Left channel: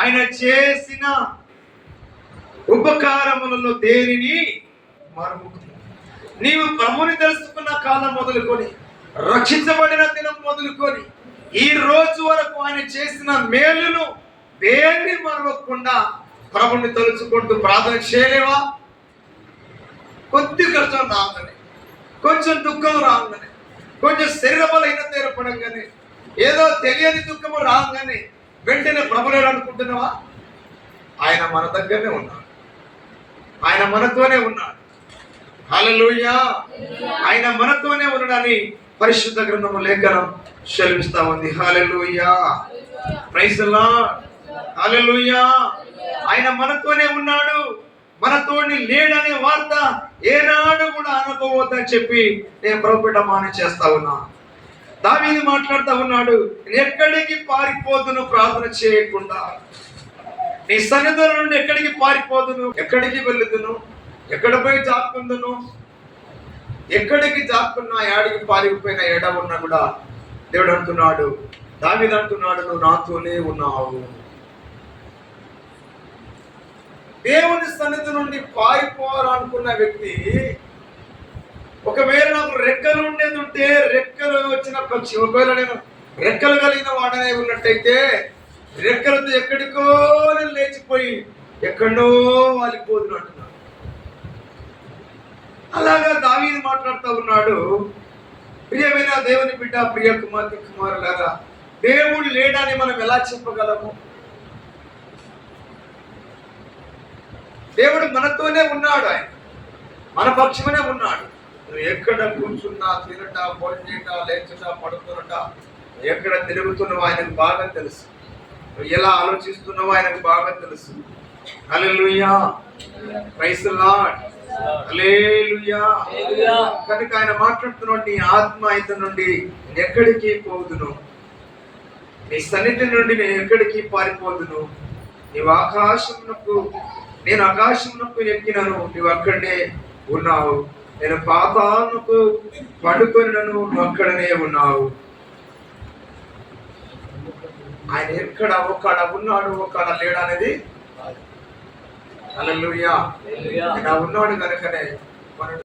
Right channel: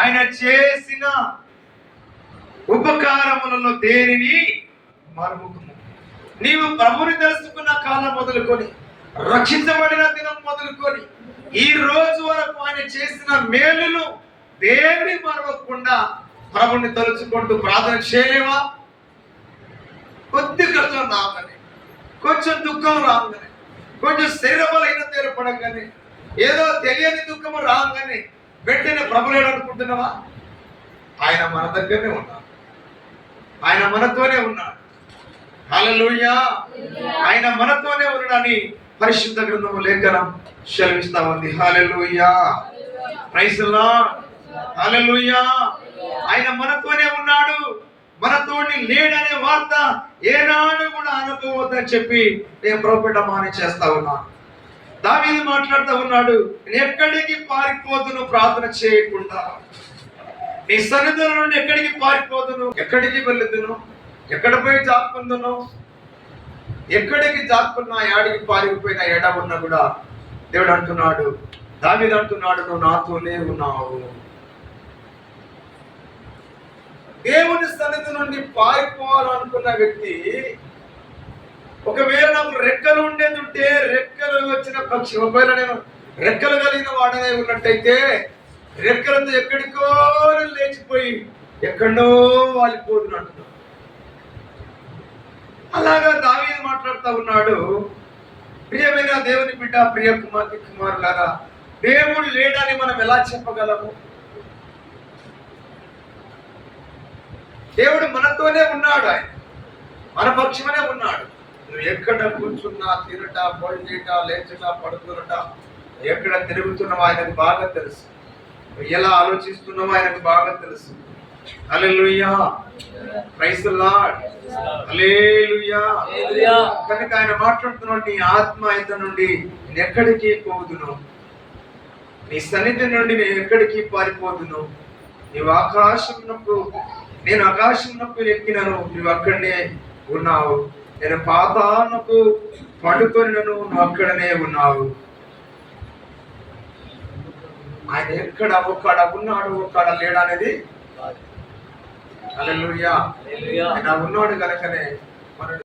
ఆయన చేసిన ఉపకారములలో దేనిని మరుముకుము. నీవు ప్రభుని తెలుసుకున్న కాలం మొదలుకొని, రక్షించబడిన దినం మొదలుకొని ఈ రోజు వరకు ఆయన చేసిన మేలును దేనిని మరవకుండా ప్రభుని తలుచుకుంటూ ప్రార్థన చేయలేవా? కొద్ది కష్టం రాగానే, కొంచెం దుఃఖం రాగానే, కొంచెం శరీర బలహీనత ఏర్పడంగానే, ఏదో తెలియని దుఃఖము రాగానే వెంటనే ప్రభులేడు అనుకుంటున్నావా? ఆయన మన దగ్గరనే ఉన్నాడు, ఆయన మనతోనే ఉన్నాడు. హల్లెలూయా! ఆయన మనతోనే ఉన్నాడని పరిశుద్ధ గ్రంథము లేఖనం సెలవిస్తా ఉంది. Hallelujah! Praise the lord. Hallelujah! ఆయన మనతోనే ఉన్నాడు, మనతోని లేడనే వార్త ఏనాడు కూడా అనుకోవద్దని చెప్పి నేను ప్రభుపేట మాని చేస్తా ఉన్నా. దావీదు మాట్లాడుతూ ఉన్నాడు, నేను ఎక్కడికి పారిపోదును ప్రార్థన చేయకుండా, నీ సన్నిధుల నుండి ఎక్కడికి పారిపోదును, ఎక్కడికి వెళ్ళుదును, ఎక్కడ పోయి జాక్కుందును, ఎక్కడికి జాక్కున్నా, యాడికి పారిపోయిన ఎడ ఉన్నా కూడా దేవుడు అంటున్నాడు, దావీదు అంటున్నాడు, నువ్వు నాతోనే ఉన్నావు. దేవుని సన్నిధి నుండి పారిపోవాలనుకున్న వ్యక్తి, ఒకవేళ నాకు రెక్కలు ఉండేది ఉంటే, రెక్కలు వచ్చిన పక్షి, ఒకవేళ నేను రెక్కలు కలిగిన వాడనే ఉన్నట్టయితే రెక్కలతో ఎక్కడికో లేచిపోయి ఎక్కడో వాలిపోదును అంటున్నాడు. అలాగా దావీదు మాట్లాడుతూ ఉన్నాడు. ప్రియమైన దేవుని బిడ్డ, ప్రియ కుమార్తె కుమారులారా, దేవుడు లేడని మనం ఎలా చెప్పగలము? దేవుడు మనతోనే ఉన్నాడు, ఆయన మన పక్షమనే ఉన్నాడు. నువ్వు ఎక్కడ కూర్చున్నా, తినట, భోజనట, లేచట, పడుకున్నట, ఎక్కడ తిరుగుతున్నావో ఆయనకు బాగా తెలుసు. నువ్వు ఎలా ఆలోచిస్తున్నావో ఆయనకు బాగా తెలుసు. Hallelujah! Praise the lord. Hallelujah! కనుక ఆయన మాట్లాడుతున్నాడు, నీ ఆత్మ అయితే నుండి నేను ఎక్కడికి పోదును, నీ సన్నిధి నుండి నేను ఎక్కడికి పారిపోదును. నీవు ఆకాశమునకు, నేను ఆకాశమునకు ఎక్కినను, నువ్వు అక్కడనే ఉన్నావు. నేను పాతాళమునకు పడుకొనినను, నువ్వు అక్కడనే ఉన్నావు. ఆయన ఎక్కడ ఒక్కడ ఉన్నాడు, ఒక్కడ లేడు అనేది. హల్లెలూయా! ఆయన ఉన్నాడు కనుకనే